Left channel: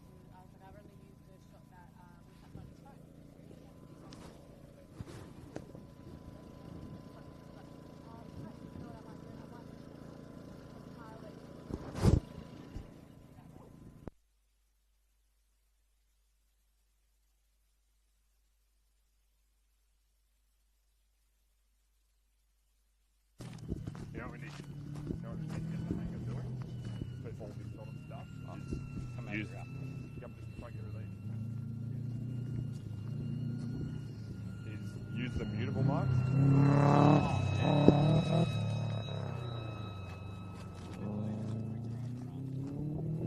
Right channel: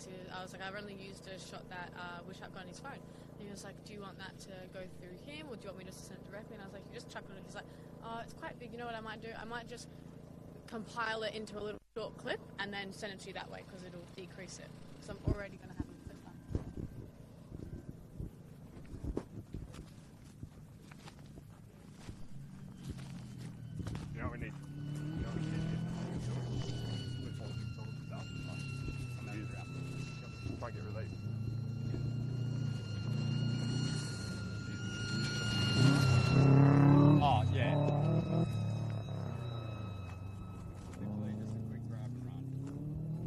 because I was like, I've only used a shot that was shotgun on his phone. And he was like, do you want that to go through him, or do you want me just to send it directly? And I was like, you just chuck it on. He's like, it's quite big. You know what I might do? I might just compile it into a little clip and then send it to you that way, because it'll decrease it. So I'm already going to have it clipped up. You know what we need? You know what we need to get the hang of doing? With all this sort of stuff. Use that. Yep, try and get relief. Use the beautiful. Oh, yeah.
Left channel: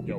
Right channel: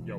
Yo.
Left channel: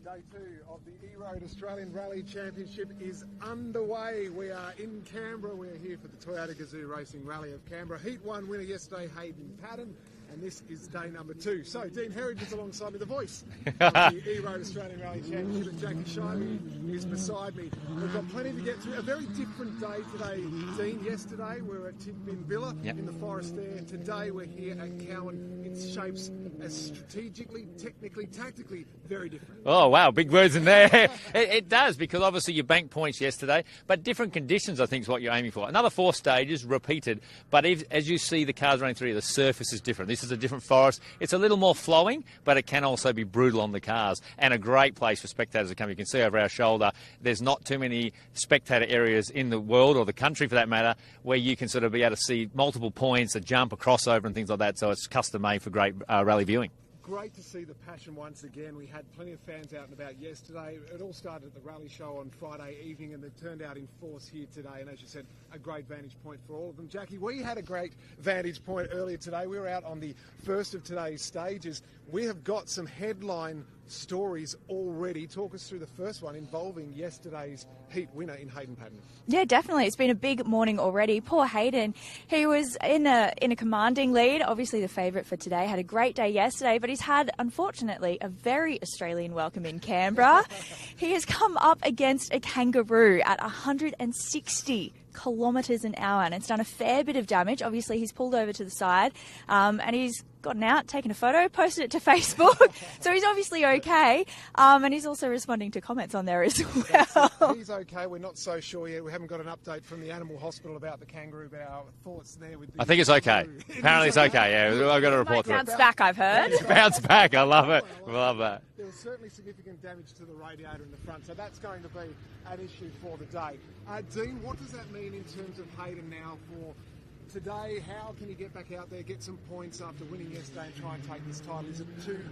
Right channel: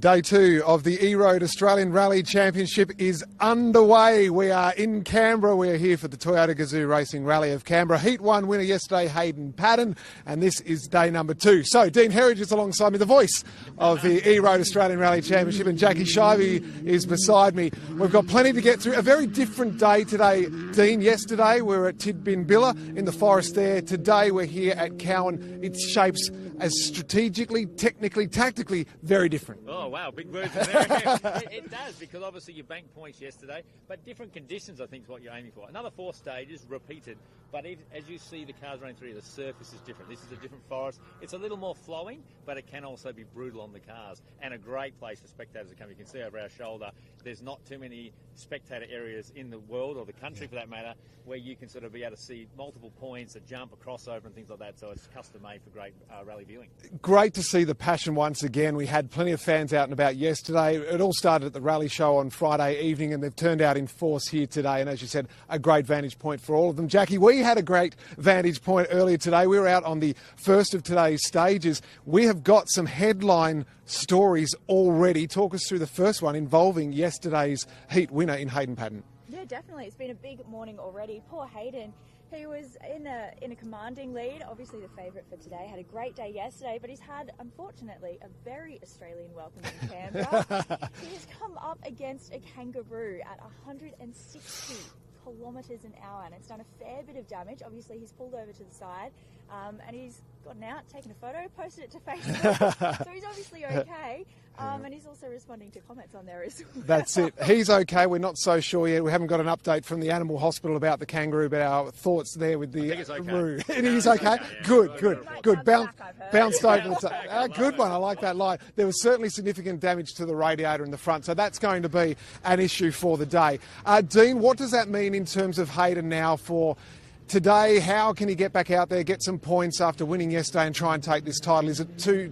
Day 2 of the E-Road Australian Rally Championship is underway. We are in Canberra. We are here for the Toyota Gazoo Racing Rally of Canberra. Heat 1 winner yesterday, Hayden Paddon, and this is day number 2. So, Dean Herridge is alongside me, the voice of the E-Road Australian Rally Championship, and Jackie Shivey is beside me. We've got plenty to get through. A very different day today, Dean. Yesterday, we were at Tidbinbilla in the forest there. Today, we're here at Kowen. It shapes as strategically, technically, tactically very different. Oh, wow, big words in there. it does, because obviously you banked points yesterday, but different conditions, I think, is what you're aiming for. Another 4 stages, repeated, but as you see the cars running through, the surface is different. This is a different forest. It's a little more flowing, but it can also be brutal on the cars, and a great place for spectators to come. You can see over our shoulder, there's not too many spectator areas in the world, or the country for that matter, where you can sort of be able to see multiple points, a jump, a crossover and things like that, so it's custom-made for great rally viewing. Great to see the passion once again. We had plenty of fans out and about yesterday. It all started at the rally show on Friday evening, and they've turned out in force here today. And as you said, a great vantage point for all of them. Jackie, we had a great vantage point earlier today. We were out on the first of today's stages. We have got some headline stories already. Talk us through the first one involving yesterday's heat winner in Hayden Paddon. Yeah, definitely. It's been a big morning already. Poor Hayden. He was in a commanding lead. Obviously the favourite for today. Had a great day yesterday, but he's had, unfortunately, a very Australian welcome in Canberra. He has come up against a kangaroo at 160 kilometres an hour, and it's done a fair bit of damage. Obviously, he's pulled over to the side, and he's gotten out, taken a photo, posted it to Facebook. So he's obviously okay, and he's also responding to comments on there as well. That's it. He's okay. We're not so sure yet. We haven't got an update from the animal hospital about the kangaroo, but our thoughts there with the I think it's okay. kangaroo. Apparently it's okay, yeah. Good, I've got a report. Bounce back, I've heard. Bounce back, I love good it. One. I like that line. There was certainly significant damage to the radiator in the front, so that's going to be an issue for the day. Dean, what does that mean in terms of Hayden now for today? How can he get back out there, get some points after winning yesterday and try and take this title? Is it too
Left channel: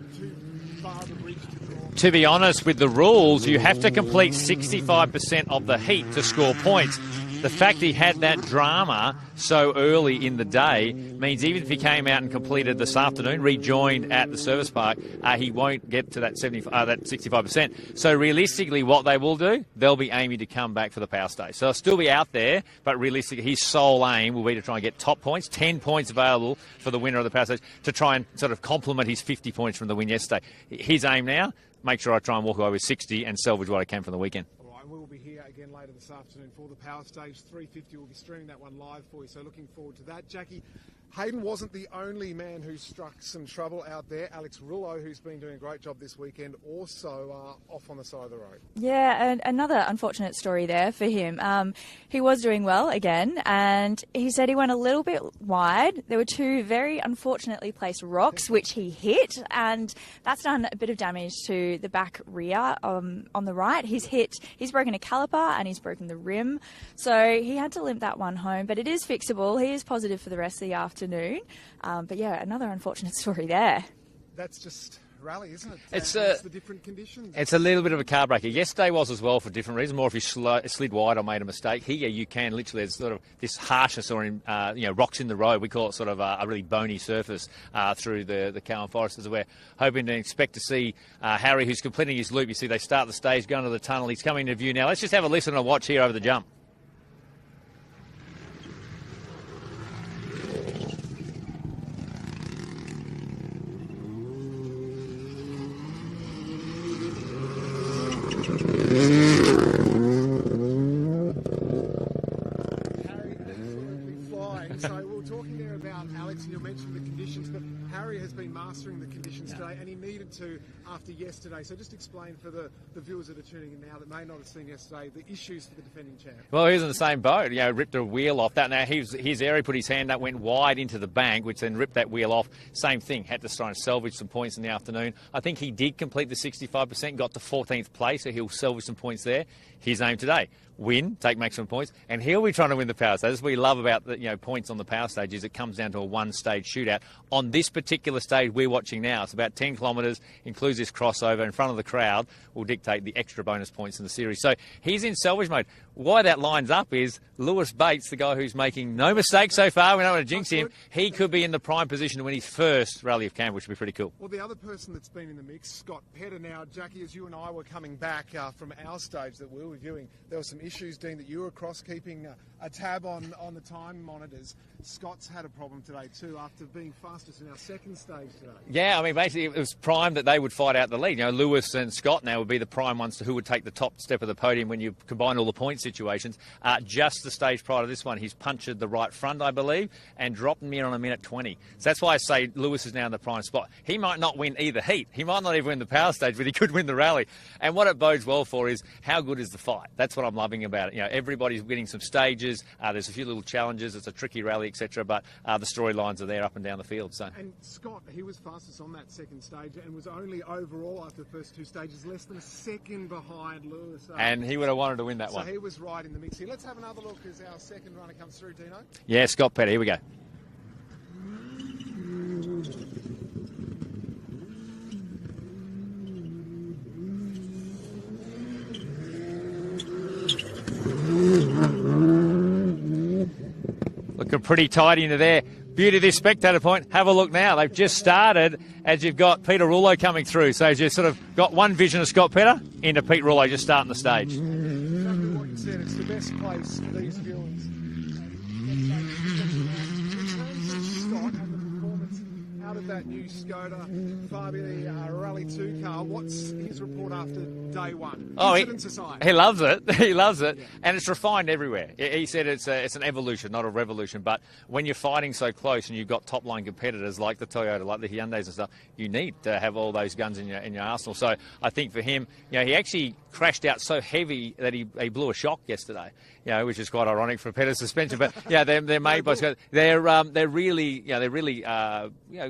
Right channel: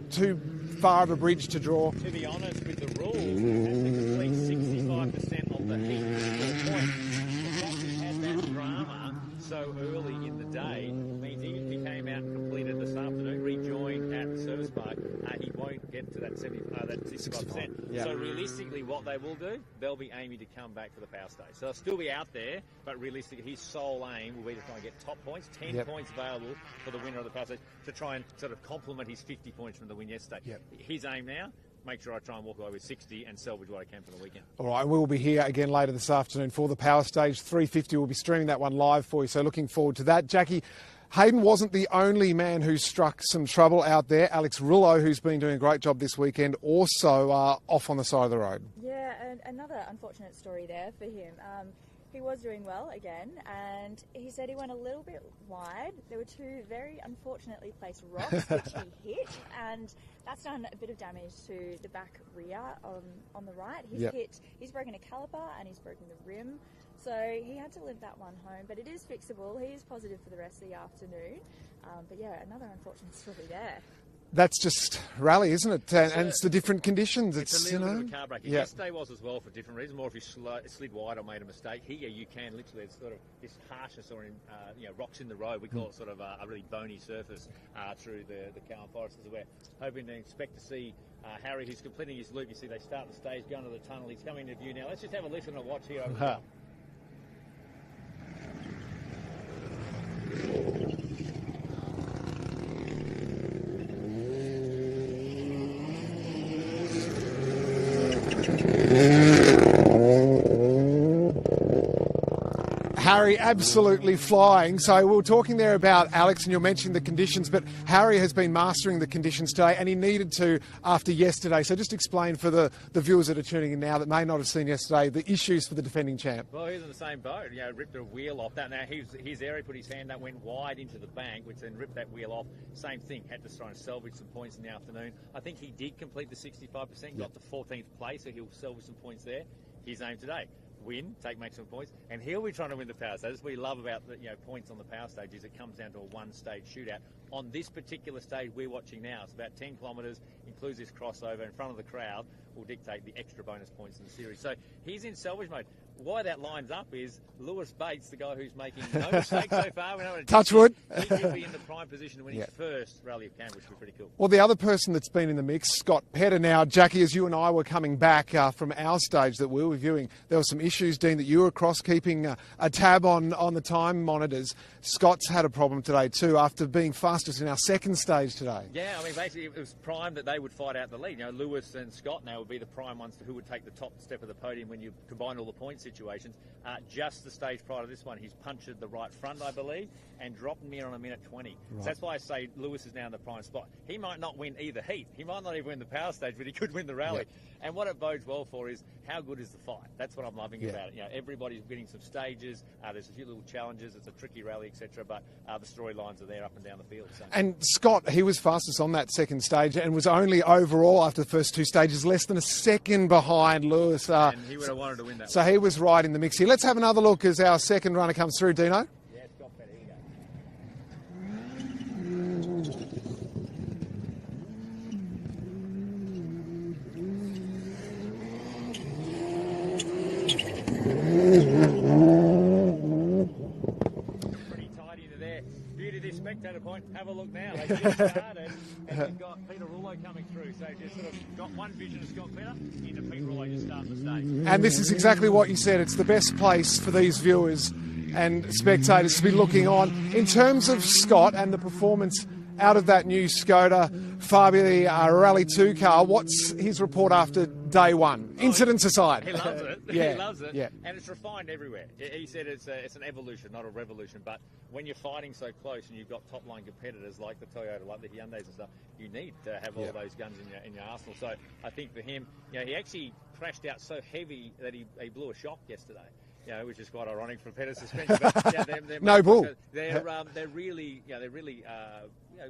far of a bridge to draw? To be honest, with the rules, you have to complete 65% of the heat to score points. The fact he had that drama so early in the day means even if he came out and completed this afternoon, rejoined at the service park, he won't get to that 65%. Yeah. So realistically, what they will do, they'll be aiming to come back for the power stage. So they'll still be out there, but realistically, his sole aim will be to try and get top points, 10 points available for the winner of the power stage, to try and sort of complement his 50 points from the win yesterday. His aim now, make sure I try and walk away with 60 and salvage what I can from the weekend. All right, we'll be here again later this afternoon for the power stage. 3:50, we'll be streaming that one live for you, so looking forward to that. Jackie, Hayden wasn't the only man who struck some trouble out there. Alex Rullo, who's been doing a great job this weekend, also off on the side of the road. Yeah, and another unfortunate story there for him. He was doing well again, and he said he went a little bit wide. There were 2 very unfortunately placed rocks which he hit, and that's done a bit of damage to the back rear on the right. He's broken a caliper and he's broken the rim, so he had to limp that one home, but it is fixable. He is positive for the rest of the afternoon. But yeah, another unfortunate story there. That's just rally, isn't it? It's the different conditions. It's a little bit of a car breaker. Yeah. Yesterday was as well for different reasons. More if you slid wide or made a mistake. Here you can literally, there's sort of this harshness or rocks in the road. We call it sort of a really bony surface through the Kowen forest, as we're hoping to expect to see Harry, who's completing his loop. You see they start the stage, going to the tunnel. He's coming into view now. Let's just have a listen and a watch here over the jump. Harry absolutely flying. So we were talking there about Alex, and you're mentioning the conditions, but Harry has been mastering the conditions today, and he needed to after yesterday. So just explain for the viewers that are tuning in now that may not have seen yesterday the issues for the defending champ. Well, he was in the same boat, ripped a wheel off that. Now, his area, put his hand up, went wide into the bank, which then ripped that wheel off. Same thing, had to try and salvage some points in the afternoon. I think he did complete the 65%, got to 14th place, so he'll salvage some points there. His aim today, win, take maximum points, and he'll be trying to win the power stage. That's what we love about the points on the power stage is it comes down to a one-stage shootout. On this particular stage we're watching now, it's about 10 kilometres, includes this crossover in front of the crowd, will dictate the extra bonus points in the series. So he's in salvage mode. Why that lines up is Lewis Bates, the guy who's making no mistakes so far. We don't want to jinx him. He could be in the prime position to win his first Rally of Canberra, which would be pretty cool. Well, the other person that's been in the mix, Scott Petter. Now, Jackie, as you and I were coming back from our stage that we were viewing, there were some issues, Dean, that you were across keeping a tab on the time monitors. Scott's had a problem today too after being fastest in our second stage today. Yeah, I mean, basically it was prime that they would fight out the lead. Lewis and Scott now would be the prime ones to who would take the top step of the podium when you combine all the point situations. Just the stage prior to this one, he's punctured the right front, I believe, and dropped me on a minute 20. Right. So that's why I say Lewis is now in the prime spot. He might not win either heat. He might not even win the power stage, but he could win the rally. And what it bodes well for is how good is the fight. That's what I'm loving about it. Everybody's winning some stages. There's a few little challenges. It's a tricky rally, etc. But the storylines are there up and down the field. So. And Scott, he was fastest on that second stage and was only overall after the first two stages less than a second behind Lewis. And he would have wanted to win that one. So he was right in the mix here. Let's have another look as our second runner comes through, Dino. Yeah, Scott Petter. Here we go. Looking pretty tight into there. Beauty of this spectator point. Have a look now. They've just started as you've got Peter Rouleau coming through. So as you've sort of got one vision of Scott Petter into Pete Rouleau just starting the stage. And this is exactly what you said. It's the best place for these viewers and spectators to be looking on. In terms of Scott and the performance out of that new Skoda Fabia Rally 2 car, what's his report after day one? Incidents aside. He loves it. Yeah. He loves it. Yeah. And it's refined everywhere. He said it's an evolution, not a revolution. But when you're fighting so close and you've got top-line competitors like the Toyota, like the Hyundais and stuff, you need to have all those guns in your arsenal. So I think for him, he actually crashed out so heavy that he blew a shock yesterday. Which is quite ironic for Petter's suspension. But they're made by they're really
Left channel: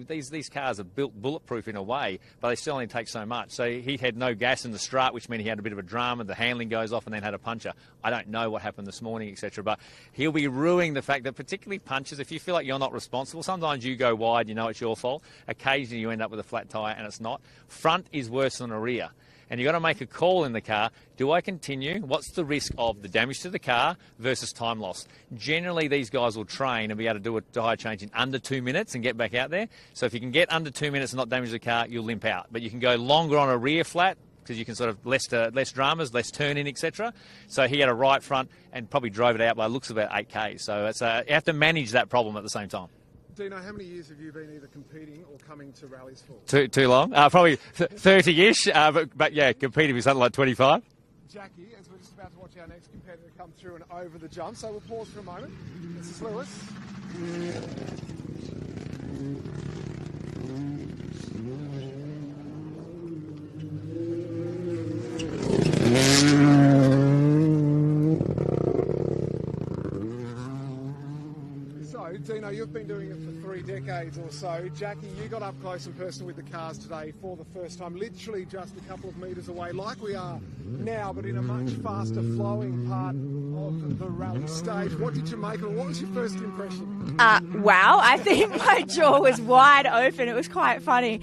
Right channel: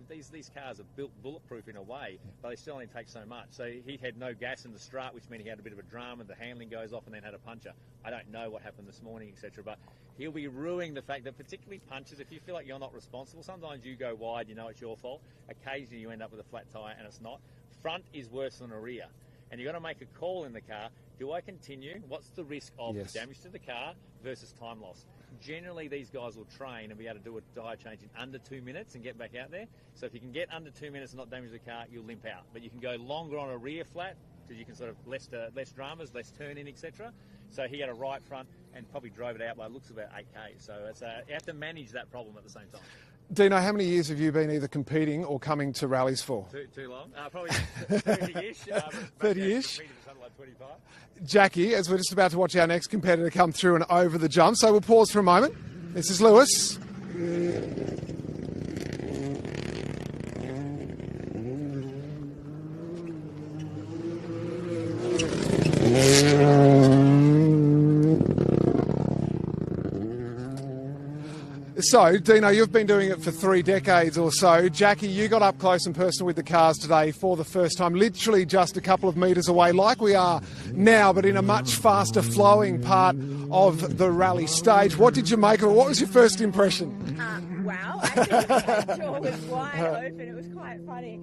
these cars are built bulletproof in a way, but they still only take so much. So he had no gas in the strut, which meant he had a bit of a drama. The handling goes off and then had a puncher. I don't know what happened this morning, etc. But he'll be ruining the fact that particularly punches, if you feel like you're not responsible, sometimes you go wide, it's your fault. Occasionally you end up with a flat tyre and it's not. Front is worse than a rear. And you've got to make a call in the car. Do I continue? What's the risk of the damage to the car versus time loss? Generally, these guys will train and be able to do a tyre change in under 2 minutes and get back out there. So if you can get under 2 minutes and not damage the car, you'll limp out. But you can go longer on a rear flat because you can sort of less dramas, less turn-in, etc. So he had a right front and probably drove it out by looks about 8K. So it's you have to manage that problem at the same time. Dino, how many years have you been either competing or coming to rallies for? Too long. Probably 30-ish, but yeah, competing with something like 25. Jackie, as we're just about to watch our next competitor come through and over the jump, so we'll pause for a moment. This is Lewis. So, Dino, you've been doing it for 3 decades or so. Jackie, you got up close and personal with the cars today for the first time, literally just a couple of metres away, like we are now, but in a much faster flowing part of the rally stage. What did you make of it? What was your first impression? Wow, I think my jaw was wide open. It was quite funny.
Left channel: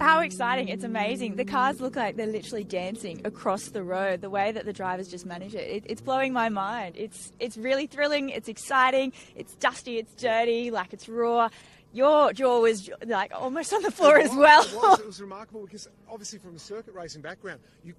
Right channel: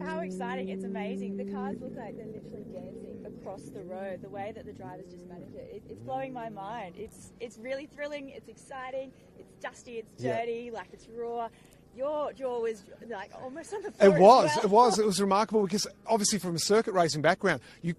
How exciting. It's amazing. The cars look like they're literally dancing across the road, the way that the drivers just manage it. It's blowing my mind. It's really thrilling. It's exciting. It's dusty. It's dirty. Like, it's raw. Your jaw was like almost on the floor as well. It was remarkable because obviously from a circuit racing background, you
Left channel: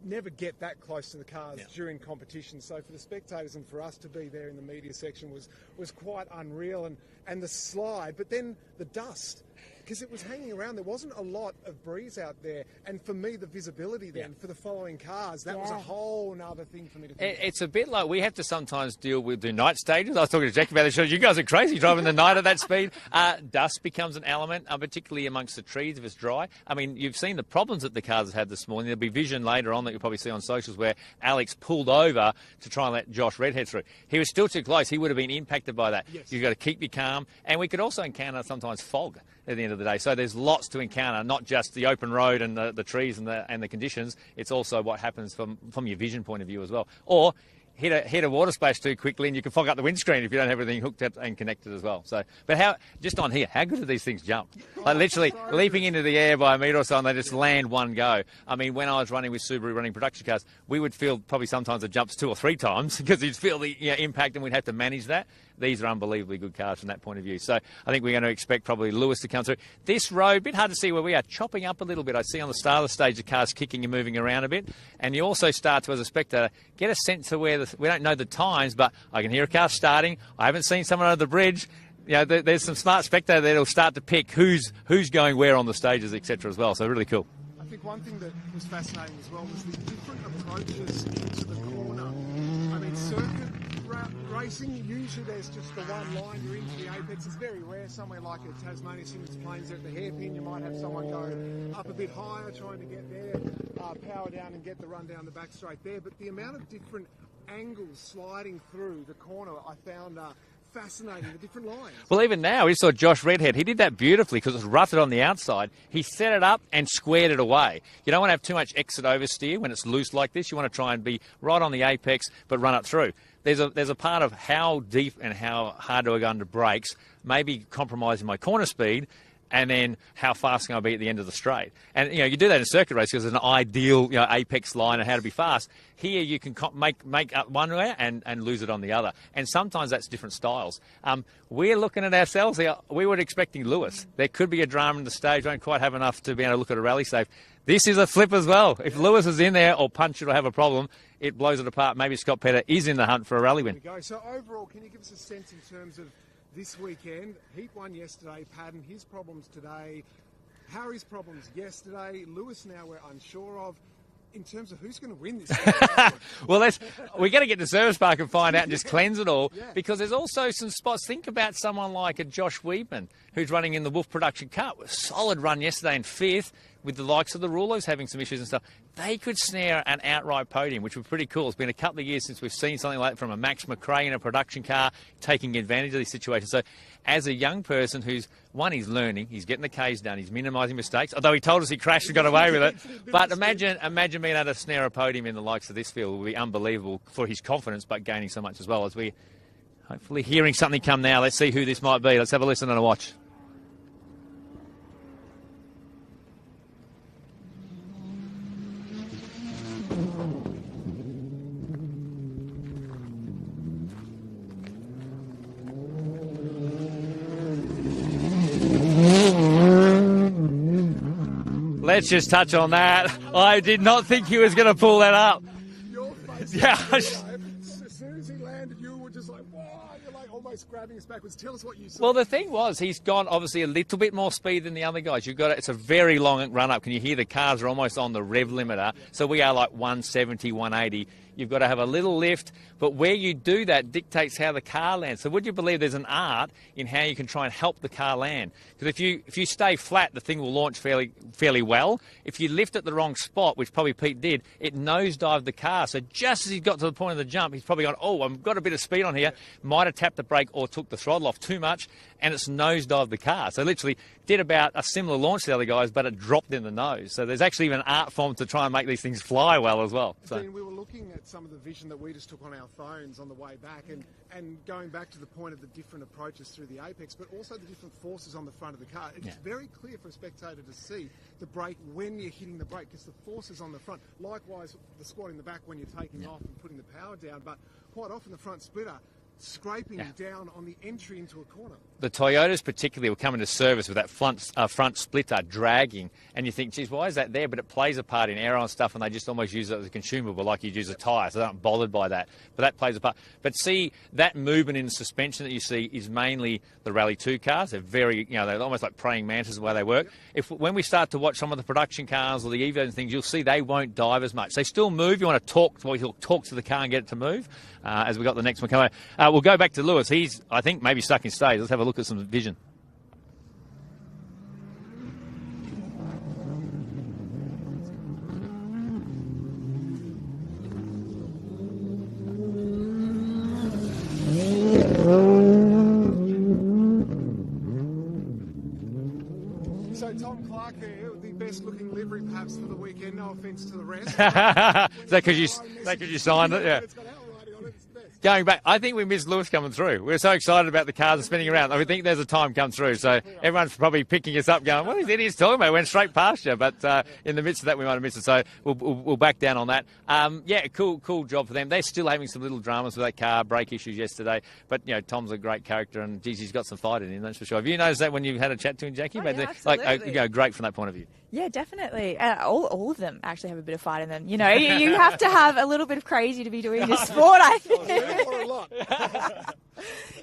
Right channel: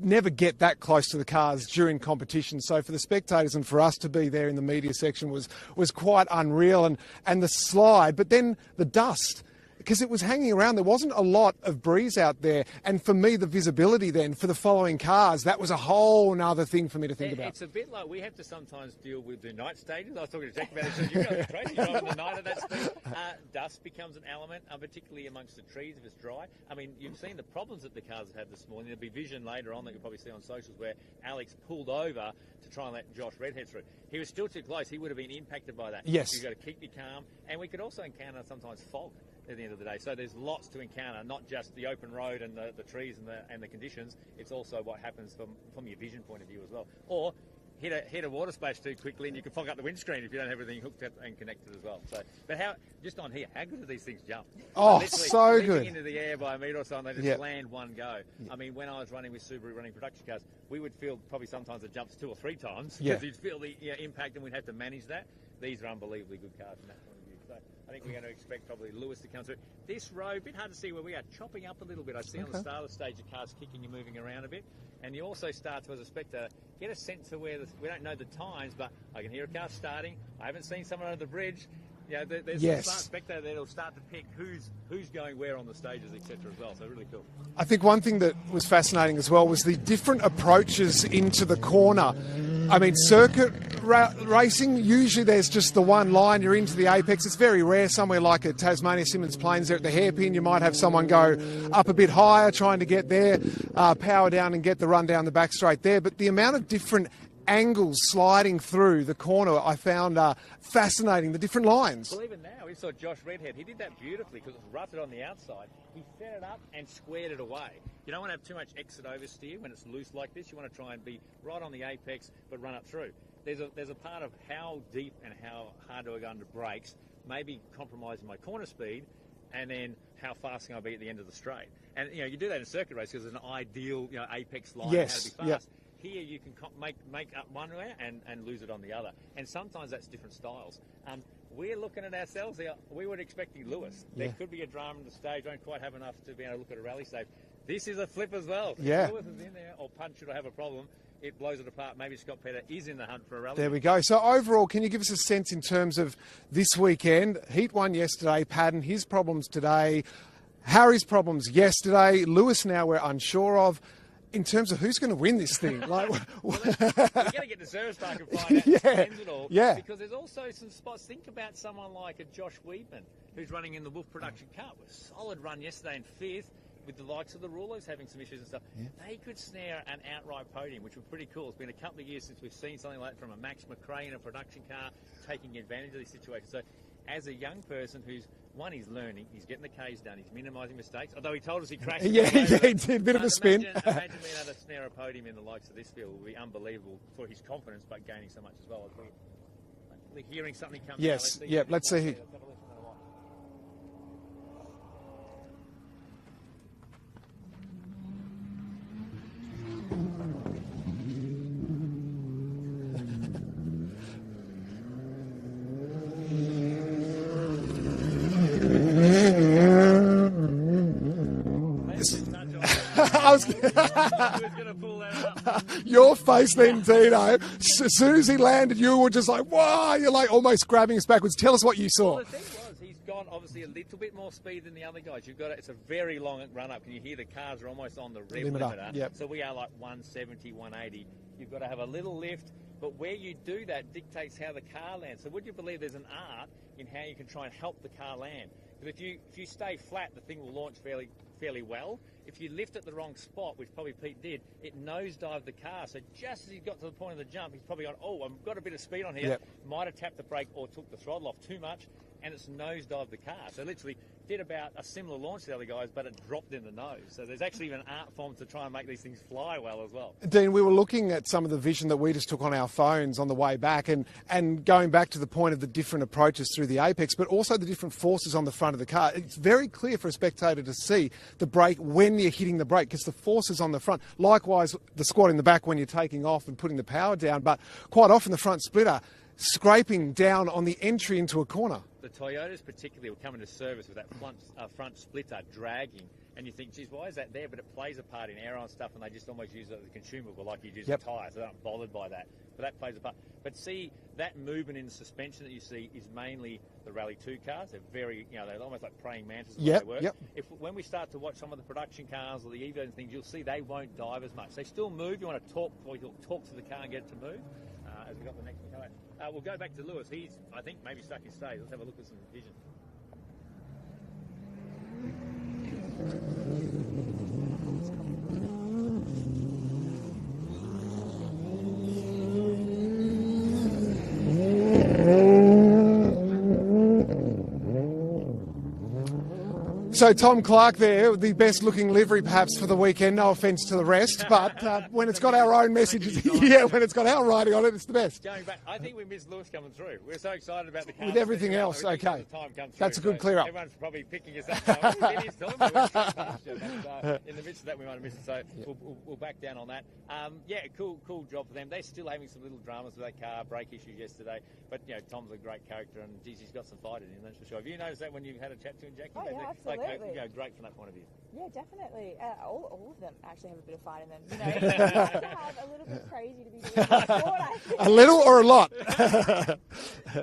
never get that close to the cars during competition. So for the spectators and for us to be there in the media section was quite unreal. And the slide, but then the dust. Because it was hanging around. There wasn't a lot of breeze out there. And for me, the visibility then for the following cars, that was a whole nother thing for me to think about. It's a bit like we have to sometimes deal with the night stages. I was talking to Jackie about this. You guys are crazy driving the night at that speed. Dust becomes an element, particularly amongst the trees if it's dry. I mean, you've seen the problems that the cars have had this morning. There'll be vision later on that you'll probably see on socials where Alex pulled over to try and let Josh Redhead through. He was still too close. He would have been impacted by that. Yes. You've got to keep your calm. And we could also encounter sometimes fog at the end of the day. So there's lots to encounter, not just the open road and the trees and the conditions. It's also what happens from your vision point of view as well. Or hit a water splash too quickly and you can fog up the windscreen if you don't have everything hooked up and connected as well. So, but just on here, how good do these things jump? Oh, Like literally so leaping good. into the air by a metre or so and they just Yeah. land one go. I mean, when I was running with Subaru running production cars, we would feel probably sometimes it jumps 2 or 3 times because you'd feel the impact and we'd have to manage that. These are unbelievably good cars from that point of view. So I think we're going to expect probably Lewis to come through. This road, a bit hard to see where we are, chopping up a little bit. I see on the start of the stage the cars kicking and moving around a bit. And you also start to, as a spectator, get a sense of where we don't know the times, but I can hear a car starting. I haven't seen someone over the bridge. You know, there's a smart spectator that'll start to pick who's going where on the stages, etc. as well. So really cool. I think one thing that was fascinating as well was the different approaches into the corner. I mean, circuit racing, usually there's just the one line, you're into the apex. It's very rare. Somewhere like at Tasmania Symonds Plains, there at the hairpin, you might have someone go up a bit higher trying to get there, power down and get the run down the back straight there. But the amount of different angles sliding through the corner I found fascinating, the different lines. Well, even now, we saw Josh Redhead. He did that beautifully because it was rutted on the outside. He set it up and squared it away. You don't want to have too much exit oversteer when it's loose like this. You want to try and be right on the apex but run it through. There's a part of how deep and how hard do I go under brakes, maybe compromising my corner speed, and then how fast can I be at the end of the straight. And, you do that in circuit race because it's an ideal, apex line and how to be fast. Yes. Here you can make up one way and lose it on the other. And sometimes that's different styles. We're looking at ourselves here. We were expecting Lewis. There could be a drama in the stage. We don't quite have enough to be able to look at a rally safe. This is a flip as well. If Lewis is in there or punch it or have a problem, it blows it apart. Maybe Scott Petter is in the hunt for a rally win. There we go. So overall, can you give us a sense in terms of this weekend? Heat 1 yesterday, Paddon, his problems today, Harry's problems yesterday, Lewis now we're unsure of. In terms of who's going to win this thing? Well, we're going to get to Service Park and find out and just cleanse it all. Yeah. Because there's also some spots. Think about someone like a Josh Weedman, who's running in the Wolf Production Cup. A solid run yesterday in 5th, with the likes of the Rulos having some issues and stuff. They could snare an outright podium, which would be pretty cool. It's been a couple of years since we've seen something like that from a Max McRae in a production car, taking advantage of these situations. So as a young person who's, one, he's learning, he's getting the Ks done, he's minimising mistakes, although he told us he crashed and got away with it. But imagine being able to snare a podium in the likes of this field would be unbelievable for his confidence, but gaining so much as well. As we hopefully hearing something come now. Let's see who this might be. Let's have a listen and a watch. Let's just touch on that. I did not think he was going to pull that up. Your face then, Dino. As soon as he landed, you were just like, wow, you're like almost grabbing us backwards. Tell us what you saw. Well, the thing was, he's gone obviously a little bit more speed than the other guys. It's a very long run up. Can you hear the cars are almost on the rev limiter? Yep. So we are like 170, 180. You've got to have a little lift, but where you do that dictates how the car lands. So would you believe there's an art in how you can try and help the car land? Because if you stay flat, the thing will launch fairly well. If you lift at the wrong spot, which probably Pete did, it nosedived the car. So just as he got to the point of the jump, he's probably gone, oh, I've got a bit of speed on here. Yep. Might have tapped the brake or took the throttle off too much, and it's nosedived the car. So literally did about a similar launch to the other guys, but it dropped in the nose. So there's actually even an art form to try and make these things fly well as well. So. Dean, we were looking at some of the vision that we just took on our phones on the way back and going back to the point of the different approaches through the apex, but also the different forces on the front of the car. It's very clear for a spectator to see the brake when you're hitting the brake because the force is on the front. Likewise, the squat in the back when you're taking off and putting the power down, but quite often the front splitter scraping down on the entry into a corner. The Toyotas particularly will come into service with that front splitter dragging, and you think, geez, why is that there? But it plays a part in aero and stuff, and they just almost use it as a consumable like you'd use a tyre, so they're not bothered by that. But that plays a part. But see, that movement in suspension that you see is mainly the Rally 2 cars. They're very, they're almost like praying mantis the way they work. When we start to watch some of the production cars or the Evos and things, you'll see they won't dive as much. They still move. You want to talk to the car and get it to move. As we got the next one coming. We'll go back to Lewis. He's, I think, maybe stuck in stage. Let's have a look at some vision. So Tom Clark there, the best looking livery perhaps for the weekend, no offence to the rest, but when it's got our own messages, when it's got our writing on it, it's the best. Going back, I think we missed Lewis coming through. We're so excited about the cars spinning around. I think there's a time come through, so everyone's probably picking us up going, what is it he's talking about? Went straight past you, but in the midst of that we might have missed it, so we'll back down on that. Cool job for them. They're still having some little dramas with that car, brake issues yesterday, but Tom's a great character and geez, he's got some fight in him, that's for sure. Have you noticed that when you've had a chat to him, Jackie? Great from that point of view. Yeah, definitely. All of them actually have a bit of fight in them. You have to have a little bit of crazy to be doing this sport, I think. A little or a lot?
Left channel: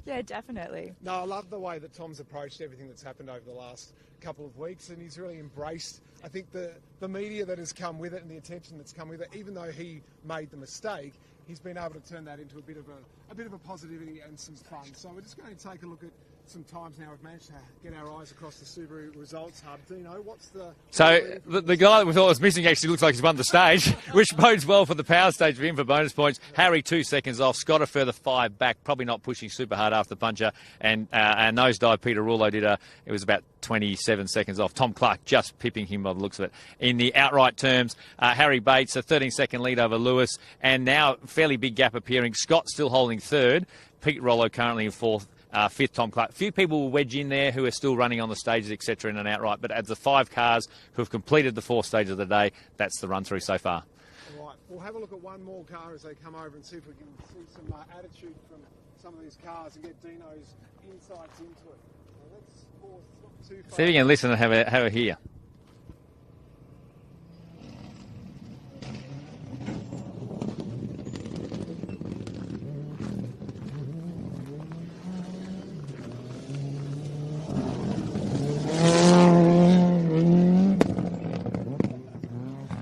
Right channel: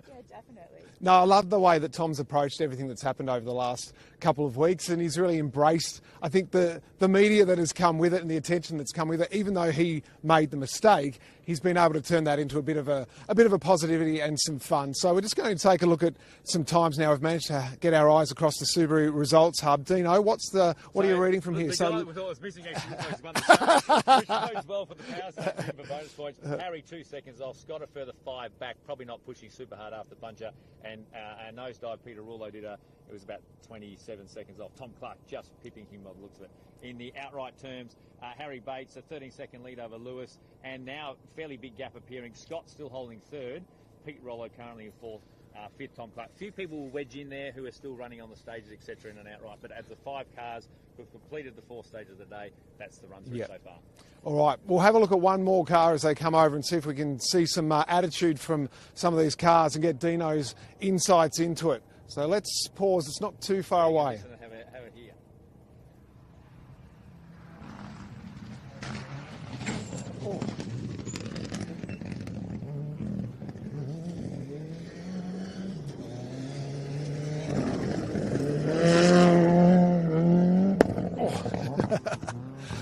Yeah, definitely. No, I love the way that Tom's approached everything that's happened over the last couple of weeks, and he's really embraced, I think, the media that has come with it and the attention that's come with it. Even though he made the mistake, he's been able to turn that into a bit of a positivity and some fun. So we're just going to take a look at some times now. We've managed to get our eyes across the Subaru results hub. Dino, what are you reading from here? The guy that we thought was missing actually looks like he's won the stage, which bodes well for the power stage for him for bonus points. Harry 2 seconds off, Scott a further 5 back, probably not pushing super hard after the puncher, and our nosedive Peter Rullo it was about 27 seconds off. Tom Clark just pipping him by the looks of it. In the outright terms, Harry Bates a 13-second lead over Lewis, and now fairly big gap appearing. Scott still holding third. Pete Rollo currently in fourth. Fifth, Tom Clark. A few people will wedge in there who are still running on the stages, etc., in an outright. But as the 5 cars who have completed the 4 stages of the day, that's the run-through so far. All right, we'll have a look at one more car as they come over and see if we can see some attitude from some of these cars and get Dino's insights into it. So let's pause. It's not too far away. See and listen and have a hear.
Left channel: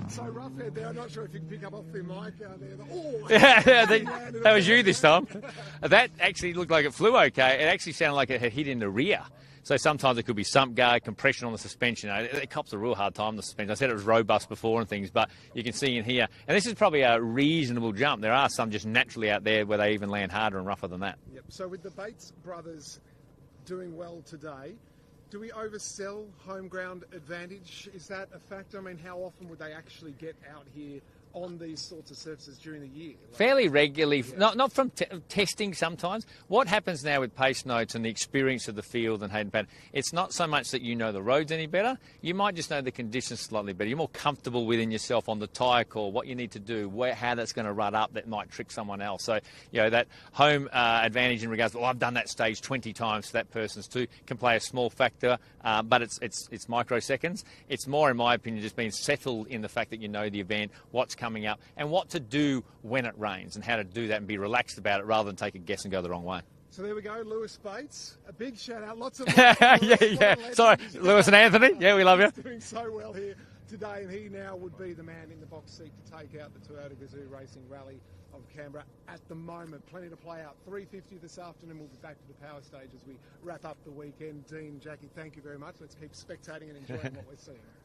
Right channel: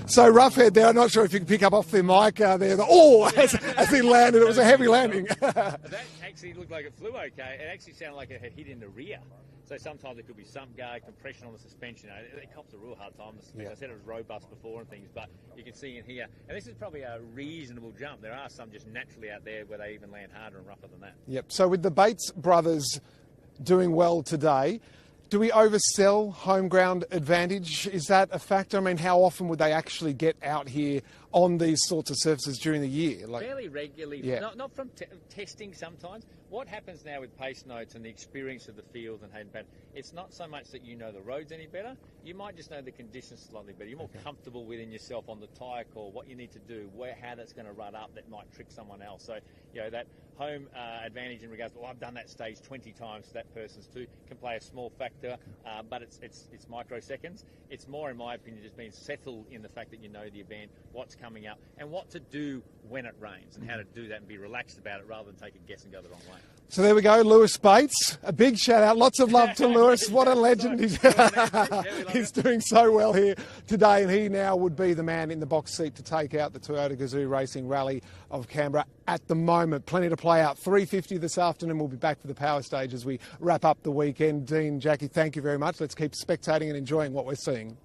So Roughhead there, I'm not sure if you can pick up off the mic there. As he landed, it was a heavy landing. That actually looked like it flew okay. It actually sounded like it had hit in the rear. So sometimes it could be sump guard, compression on the suspension. It cops a real hard time, the suspension. I said it was robust before and things, but you can see in here. And this is probably a reasonable jump. There are some just naturally out there where they even land harder and rougher than that. Yep. So with the Bates brothers doing well today, do we oversell home ground advantage? Is that a factor? I mean, how often would they actually get out here on these sorts of surfaces during the year? Fairly regularly, not from testing sometimes. What happens now with pace notes and the experience of the field and Hayden Paddon, it's not so much that you know the roads any better, you might just know the conditions slightly better. You're more comfortable within yourself on the tyre call, what you need to do, how that's going to run up that might trick someone else. So, that home advantage in regards to, I've done that stage 20 times, so that person's too, can play a small factor, but it's microseconds. It's more, in my opinion, just being settled in the fact that you know the event, what's coming up, and what to do when it rains, and how to do that and be relaxed about it rather than take a guess and go the wrong way. So there we go, Lewis Bates. A big shout out. Lots of love to Lewis. What a legend. Sorry, Lewis and Anthony. Yeah, we love you. He's doing so well here today, and he now would be the man in the box seat to take out the Toyota Gazoo Racing Rally of Canberra at the moment. Plenty to play out. 3:50 this afternoon. We'll be back for the power stage as we wrap up the weekend. Dean, Jackie, thank you very much. Let's keep spectating and enjoying what we're seeing.